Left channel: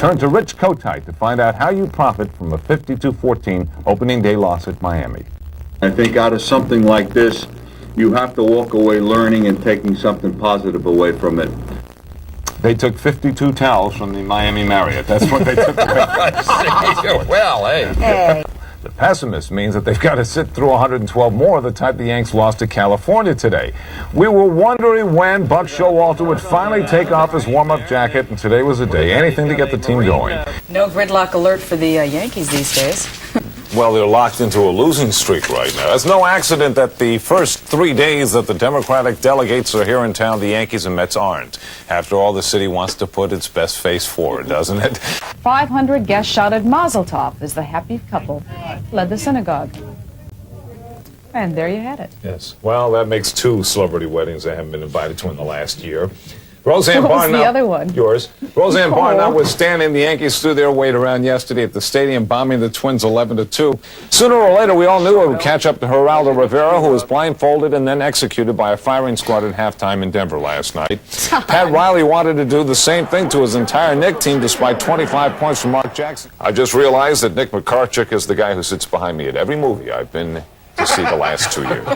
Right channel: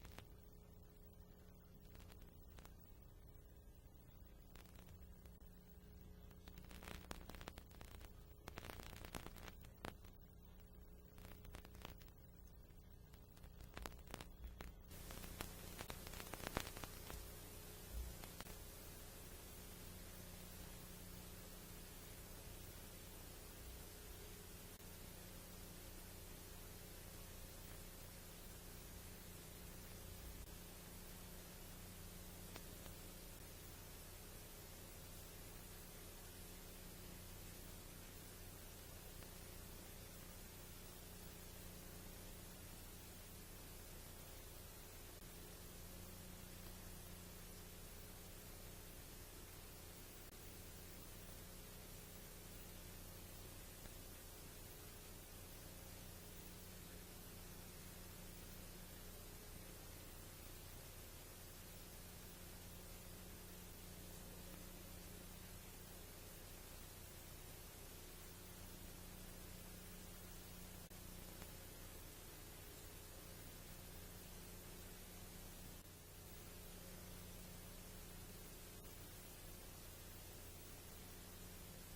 turn to Rich Kotite to find out how you profit from a 52-14 opening day loss at Miami. I think out of something like this, you have to walk away learning and taking something positive away from it. They took 52 towels from the Miami Marriott. That's what they took away. Well, hey. The pessimist means that they've got to sit through 112 more of the type the Yanks lost to California today. We were wondering when Buck Showalter would finally take off his warm-up jacket, and today was the day. Anything to get the team going. No gridlock alert for the Yankees these days. Well, they're locked into a losing streak right now. It's no accident that the first 3 days that the Democratic delegates are here in town, the Yankees and Mets aren't. After all, the city wants to put its best face forward, doesn't it? 500 guests shouted Mazel Tov as the happy couple led the synagogue. And there you had it. Yes. Well, that makes 2 celebrity weddings I haven't been invited to in the last year. Roseanne What was Barr, the other one? Yours. Roseanne Barr, Oh. notwithstanding, the Yankees threw their weight around yesterday at the stadium, bombing the Twins 11-2. Sooner or later, we all knew it would catch up to Geraldo Rivera, who was blindfolded and then executed by a firing squad at halftime in Denver last night. Pat Riley wanted to do the same thing to his entire Knick team, despite 25 points from Mark Jackson. I just realized that Nick McCarchick is the guy who sits behind me at every movie I've been to see the last 2 years.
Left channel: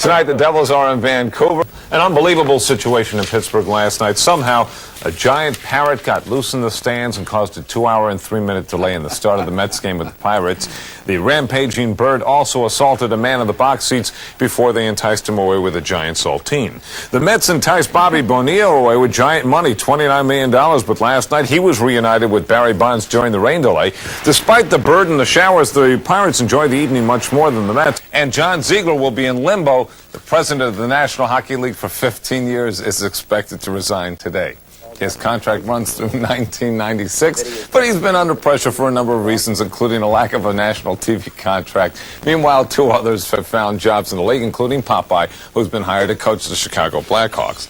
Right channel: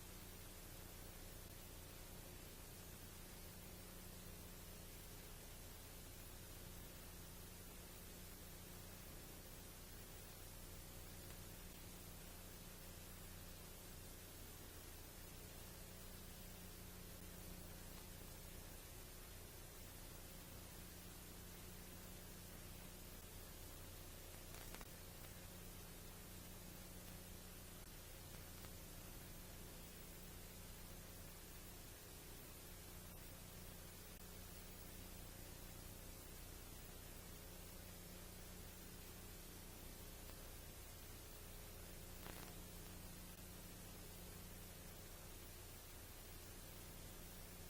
Tonight, the Devils are in Vancouver. An unbelievable situation in Pittsburgh last night. Somehow, a giant parrot got loose in the stands and caused a 2-hour and 3-minute delay in the start of the Mets game with the Pirates. The rampaging bird also assaulted a man in the box seats before they enticed him away with a giant saltine. The Mets enticed Bobby Bonilla away with giant money, $29 million, but last night he was reunited with Barry Bonds during the rain delay. Despite the bird and the showers, the Pirates enjoyed the evening much more than the Mets. And John Ziegler will be in limbo. The president of the National Hockey League for 15 years is expected to resign today. His contract runs through 1996, but he's been under pressure for a number of reasons, including a lack of a national TV contract. Meanwhile, 2 others have found jobs in the league, including Popeye, who's been hired to coach the Chicago Blackhawks.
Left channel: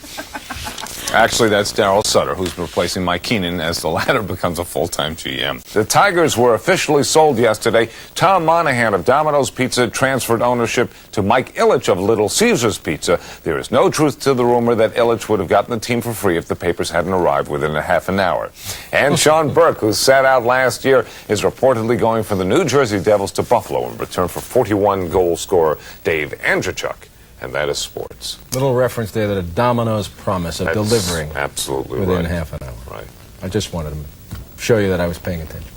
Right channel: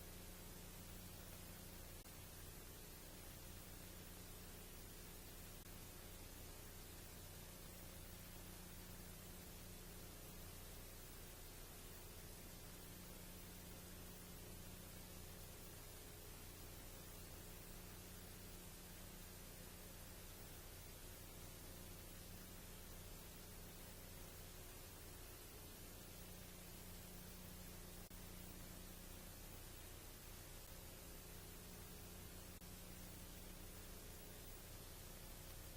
Actually, that's Darryl Sutter, who's replacing Mike Keenan as the latter becomes a full-time GM. The Tigers were officially sold yesterday. Tom Monahan of Domino's Pizza transferred ownership to Mike Ilitch of Little Caesars Pizza. There is no truth to the rumor that Ilitch would have gotten the team for free if the papers hadn't arrived within a half an hour. And Sean Burke, who sat out last year, is reportedly going for the New Jersey Devils to Buffalo in return for 41-goal scorer Dave Andrzejczuk. And that is sports. Little reference there that a Domino's promise of delivering absolutely within right. half an hour. Right. I just wanted to show you that I was paying attention.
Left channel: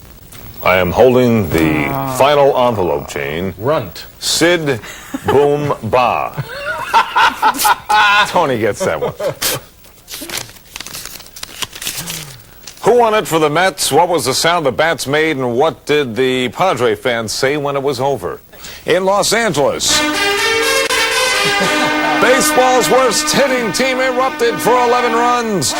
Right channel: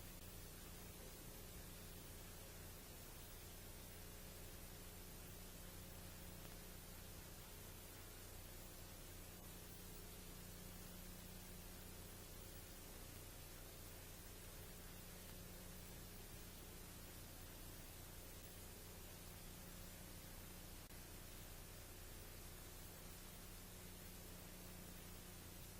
I am holding the final envelope chain. Runt. Sid Boom Ba. Tony gets that one. Who won it for the Mets? What was the sound the bats made? And what did the Padre fans say when it was over? In Los Angeles, baseball's worst hitting team erupted for 11 runs.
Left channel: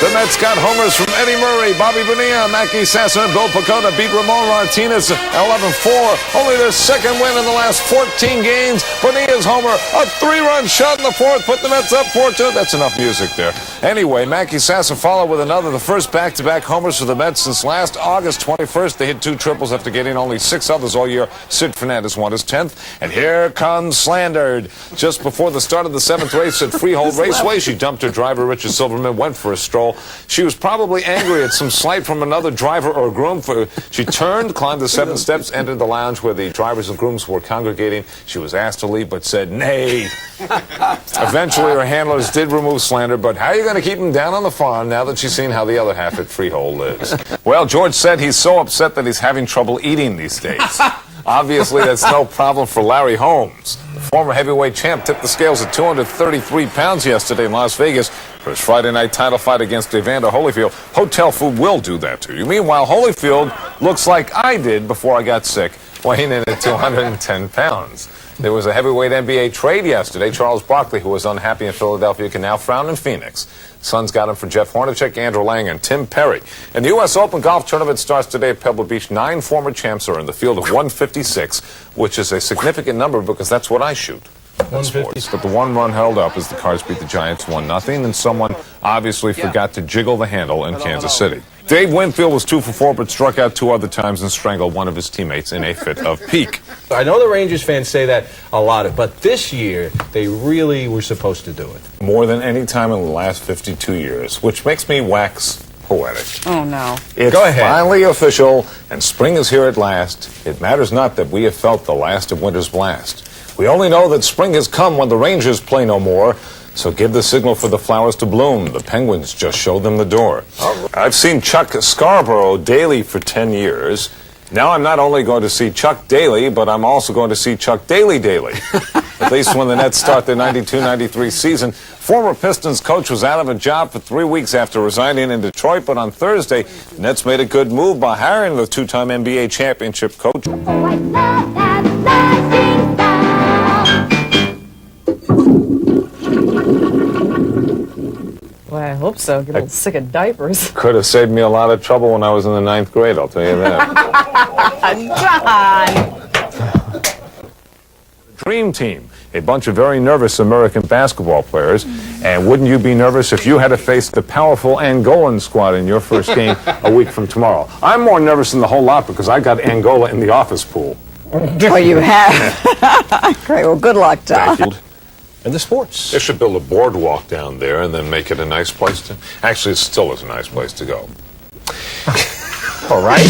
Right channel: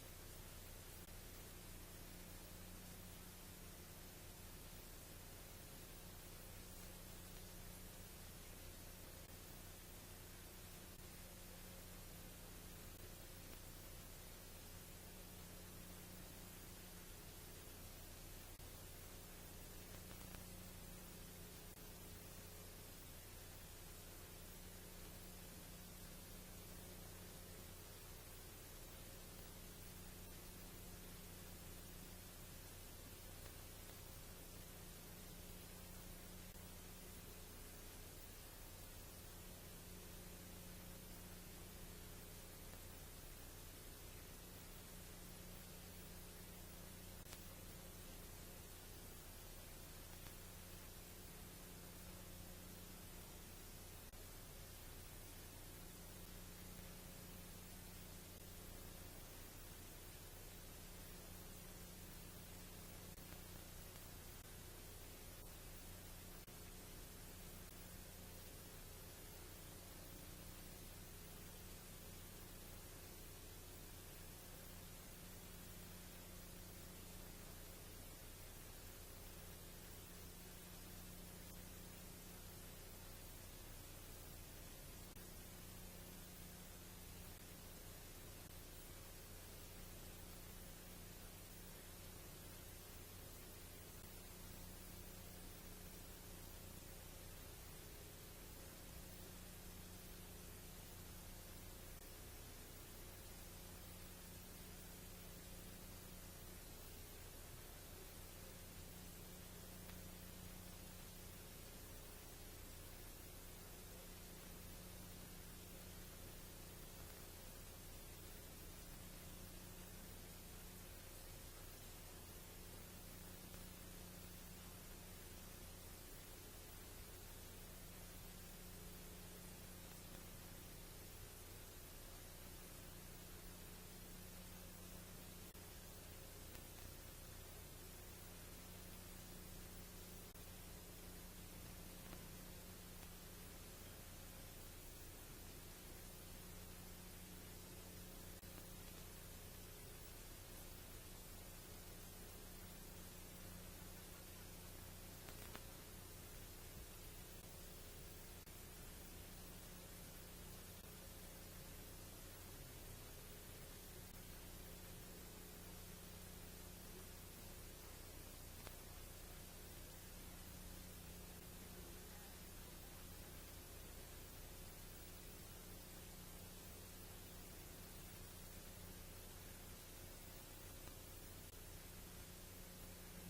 The Mets got homers from Eddie Murray, Bobby Bonilla, Mackey Sasser, and Bill Pecota beat Ramon Martinez 11-4. Only their second win in the last 14 games. Bonilla's homer, a 3-run shot in the 4th, put the Mets up 4-2. That's enough music there. Anyway, Mackey Sasser followed with another, the first back-to-back homers for the Mets since last August 21st. They hit 2 triples after getting only 6 others all year. Sid Fernandez won his 10th. And here comes Slandered. Just before the start of the 7th race at Freehold Raceway, she dumped her driver, Richard Silverman, went for a stroll. She was probably angry at some slight from another driver or groom. She turned, climbed the 7 steps, entered the lounge where the drivers and grooms were congregating. She was asked to leave, but said nay. Eventually, her handlers did remove Slander, but how are you going to keep him down on the farm now that she's seen how the other half at Freehold lives? Well, George said he's so upset that he's having trouble eating these days. Obviously, that's no problem for Larry Holmes. The former heavyweight champ tipped the scales at 233 pounds yesterday in Las Vegas for his Friday night title fight against Evander Holyfield. Hotel food will do that to you. Meanwhile, Holyfield looks like I did before I got sick, weighing in at 210 pounds. There was a heavyweight NBA trade yesterday. Charles Barkley, who was unhappy in Philadelphia, can now frown in Phoenix. Suns got him for Jeff Hornacek, Andrew Lang, and Tim Perry. And the U.S. Open golf tournament starts today at Pebble Beach. 9 former champs are in the field of 156, which is a significant number because that's what I shoot. Sports. But the one run held up as the Cards beat the Giants 1-0, and someone obviously forgot to jiggle the handle in Kansas City. Dave Winfield was 2 for 4, but struck out 2 other times and strangled one of his teammates in a fit of pique. I know the Rangers fans say that a lot, but this year they really were supposed to do it. More than any time in the last 52 years, which makes me wax poetic. Oh, no. It's Go ahead. finally official, and spring is here at last. It matters not that we have felt the last of winter's blast. We only know that spring has come when the Rangers play no more. So give the signal for the flowers to bloom. The Penguins just showed them the door. I've seen Chuck Scarborough daily for 10 years. Now I'm not only going to see Chuck daily, but I'm also going to see Chuck daily. At least when the Nets start their 92-93 season. Former Pistons coach was out of a job for 3 weeks after resigning in Detroit, but on Thursday, the Nets made a good move by hiring the two-time NBA championship coach. Oh, I love that lasting sound. Well, I hope so. Get a little sick of diapers. Could have saved me a lot of trouble when I was in the 9th grade, I'll tell you that. John! Dream Team, a bunch of very nervous American basketball players. And wouldn't you be nervous if you had to face the powerful Angolan squad in your first game a week from tomorrow? I'm more nervous than the whole lot because I got Angola in the office pool. Oh, you have? Great. Well, good luck, Tom. Thank you. And the sports. They should build a boardwalk down there and then make it a nice place to... Actually, it still is a nice place to go. All right.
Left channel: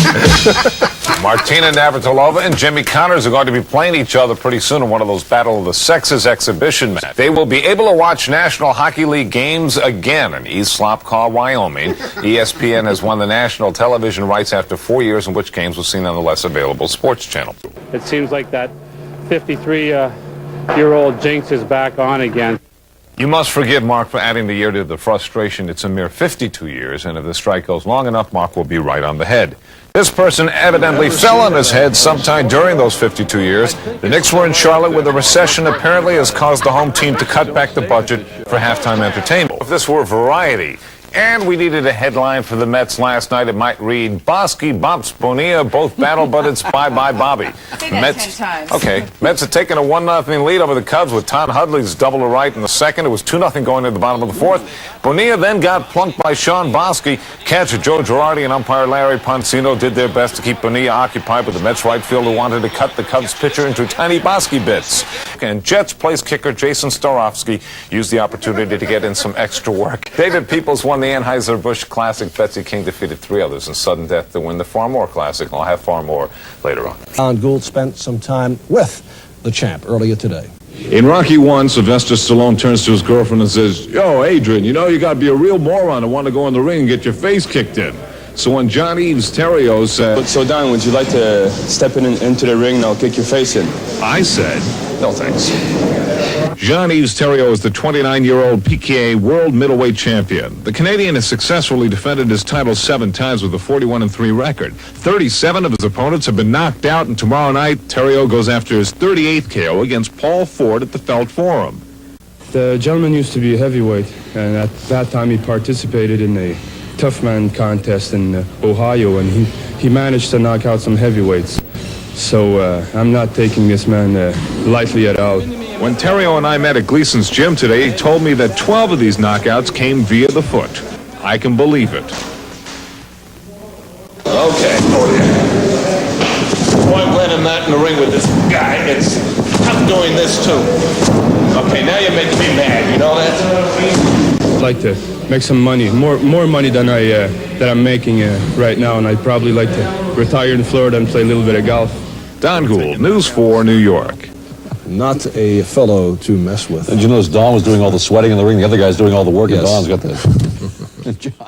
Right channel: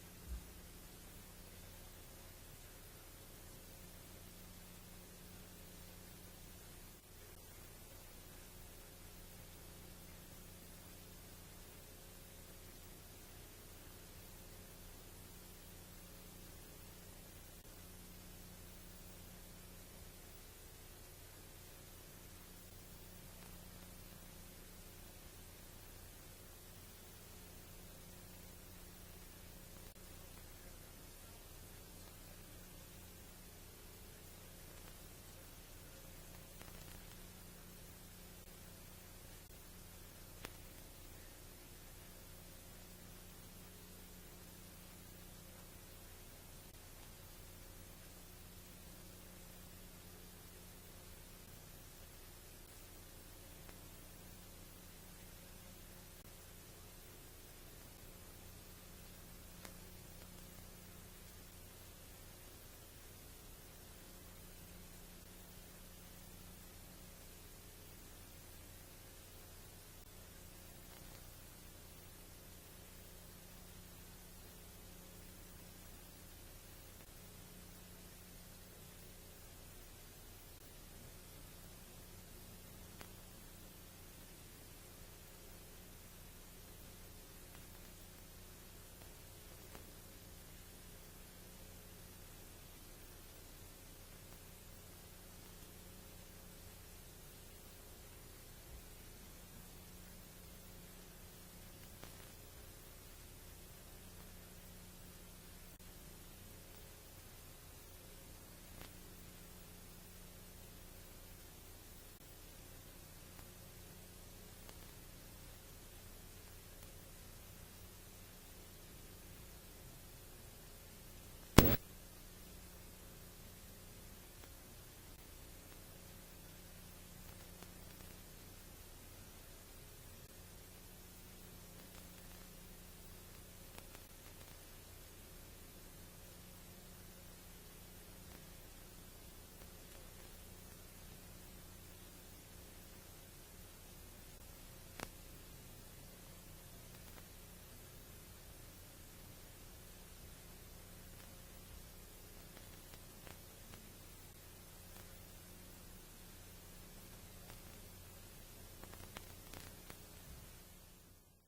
Martina Navratilova and Jimmy Connors are going to be playing each other pretty soon in one of those Battle of the Sexes exhibition matches. They will be able to watch National Hockey League games again in East Slopcaw, Wyoming. ESPN has won the national television rights after 4 years in which games were seen on the less available sports channel. It seems like that 53-year-old jinx is back on again. You must forgive Mark for adding the year to the frustration. It's a mere 52 years, and if the strike goes long enough, Mark will be right on the head. This person evidently fell on his head sometime during those 52 years. The Knicks were in Charlotte where the recession apparently has caused the home team to cut back the budget for halftime entertainment. If this were Variety, and we needed a headline for the Mets last night, it might read, Bosky, Bumps, Bonilla both battle, but it's bye-bye Bobby. Say that 10 times. Okay. Mets have taken a 1-0 lead over the Cubs with Todd Hudley's double to right in the second. It was 2-0 going into the bottom of the fourth. Bonilla then got plunked by Sean Bosky. Catcher Joe Girardi and umpire Larry Poncino did their best to keep Bonilla occupied, but the Mets right fielder wanted to cut the Cubs pitcher into tiny Bosky bits. And Jets place kicker Jason Starofsky used the opportunity to get in some extra work. David Peoples won the Anheuser-Busch Classic. Betsy King defeated 3 others in sudden death to win the Farmore Classic. I'll have far more later on. Gould spent some time with the champ earlier today. In Rocky 1, Sylvester Stallone turns to his girlfriend and says, "Yo, Adrian, you know you got to be a real moron to want to go in the ring and get your face kicked in." So when John Eves Terrio said, So Don, would you like to step into the ring and I'll kick your face in? I said, No, thanks. John Eves Terrio is the 29-year-old PKA World Middleweight Champion. The Canadian has successfully defended his title 7 times with a 41-3 record. 37 of his opponents have been knocked out, and tomorrow night, Terrio goes after his 38th KO against Paul Ford at the Felt Forum. The gentleman used to be a heavyweight, and at that time he participated in a tough man contest in Ohio, and he managed to knock out some heavyweights. So I'm not taking this man lightly at all. When Terrio and I met at Gleason's gym today, he told me that 12 of these knockouts came via the foot. I can believe it. Okay. Oh, yeah. Boy, I'm glad I'm not in the ring with this guy. I'm doing this too. Okay, now you're making me mad. You know that? I'd like to make some money, more money than I'm making right now, and I'd probably like to retire in Florida and play a little bit of golf. Don Gould, News 4, New York. Not a fellow to mess with. Did you notice Don was doing all the sweating in the ring? The other guy's doing all the work, Yes. and Don's got the...